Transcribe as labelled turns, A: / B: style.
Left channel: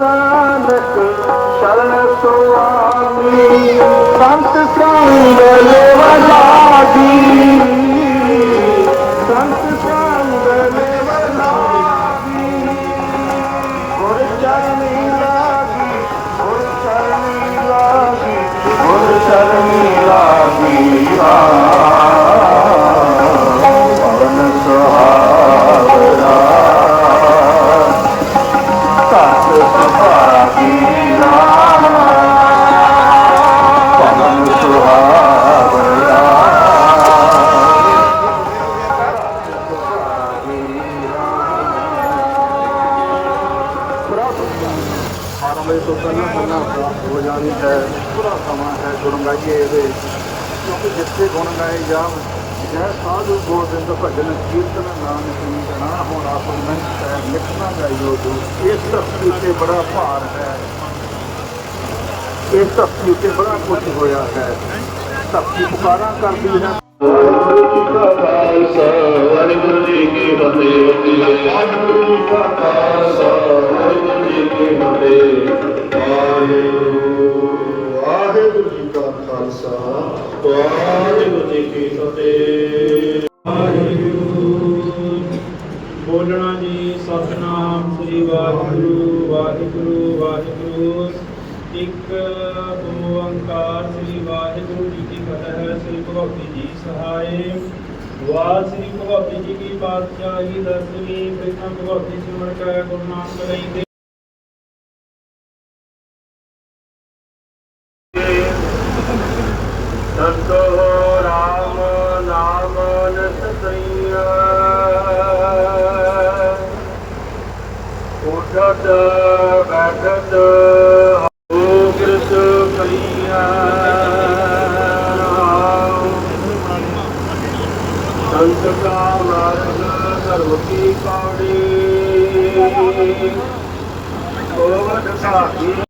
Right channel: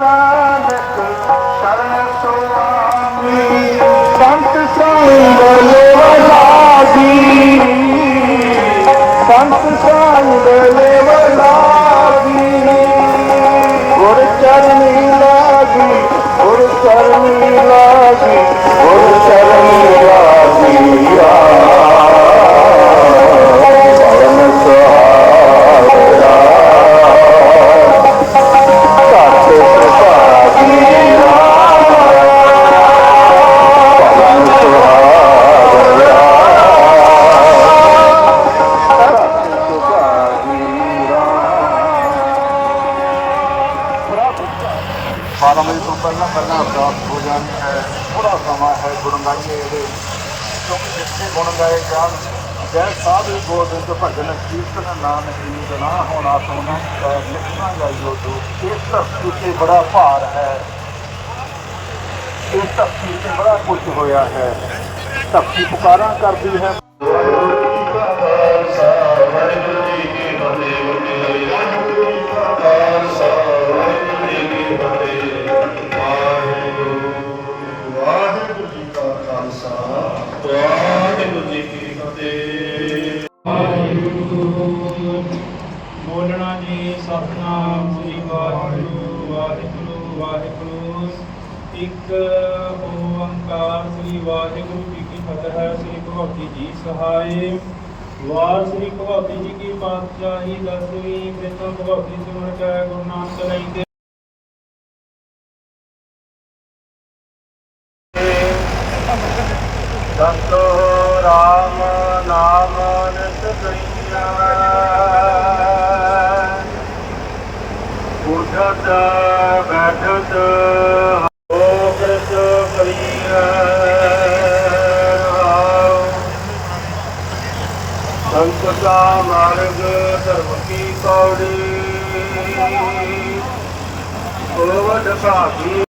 A: ਸੰਤ ਸੰਗ ਲੇਵਲਾਗੀ ਸੰਤ ਸੰਗ ਲੇਵਲਾਗੀ ਗੁਰ ਚਰਨੀ ਲਾਗੀ ਗੁਰ ਚਰਨੀ 12 ਵਜੇ ਤੋਂ ਪਹਿਲਾਂ ਪਹਿਲਾਂ ਪ੍ਰਾਪਤ ਹੋ ਜਾਣੀ ਹੈ। ਥੋੜਾ ਸਮਾਂ ਹੈ ਗੁਣ ਗਾਈਏ ਇਹਦੇ। ਕਿਉਂਕਿ ਜਿੱਥੇ ਗੁਣ ਗਾਏ ਜਾਣ ਜੈ ਸਾਧੂ ਗੋਬਿੰਦ ਭਜਨ ਕੀਰਤਨ ਨਾਨਕ ਨੀਤ ਨਾ ਹੋਣਾ ਤੂੰ ਨਹੀਂ ਲਿਖਣਾ ਜਾਈਓ ਤੂੰ ਇਸ ਧਰਤੀ ਤੇ ਬੜਾ ਭਾਰ ਹੈ। ਇਸ ਧਰਤੀ ਤੇ ਬੜਾ ਕੁਝ ਹੋਇਆ ਹੈ। ਧਰਤੀ ਪੁਕਾਰਾਂ ਕਰਦੀ ਹੈ।
B: ਵਾਹਿਗੁਰੂ ਜੀ ਕੀ ਫਤਿਹ। ਵਾਹਿਗੁਰੂ
C: ਬੋਲਣਾ ਜੀ ਸਤਨਾਮ ਸ੍ਰੀ ਵਾਹਿਗੁਰੂ ਵਾਹਿਗੁਰੂ ਵਾਹਿਗੁਰੂ। ਇੱਕ ਓੰਕਾਰ ਸ੍ਰੀ ਵਾਹਿਗੁਰੂ ਜੀ ਕੀ ਫਤਿਹ ਸ੍ਰੀ ਭਗਵਤੀ ਜੀ ਸਹਾਇ ਵਾਰ ਸ੍ਰੀ ਭਗਵਤੀ ਜੀ ਕੀ ਪਾਤਸ਼ਾਹੀ, ਦਸਵੀਂ ਪ੍ਰਥਮ ਭਗਵਤੀ ਸਿਮਰਨ ਕੈ ਗੁਰੂ ਨਾਨਕ ਲਈ ਦੇ।
A: ਸੰਤੋ ਰਾਮ ਨਾਮ ਨਿਤ ਕਈਆ ਉਠਤ, ਬੈਠਤ ਹੋ ਕਿਰਤ ਕਈਆ ਸੰਤ ਕਾ ਮਾਰਗ, ਧਰਮ ਕੀ ਕੌੜੀ। ਹੋਵਤ ਸਾਖੀ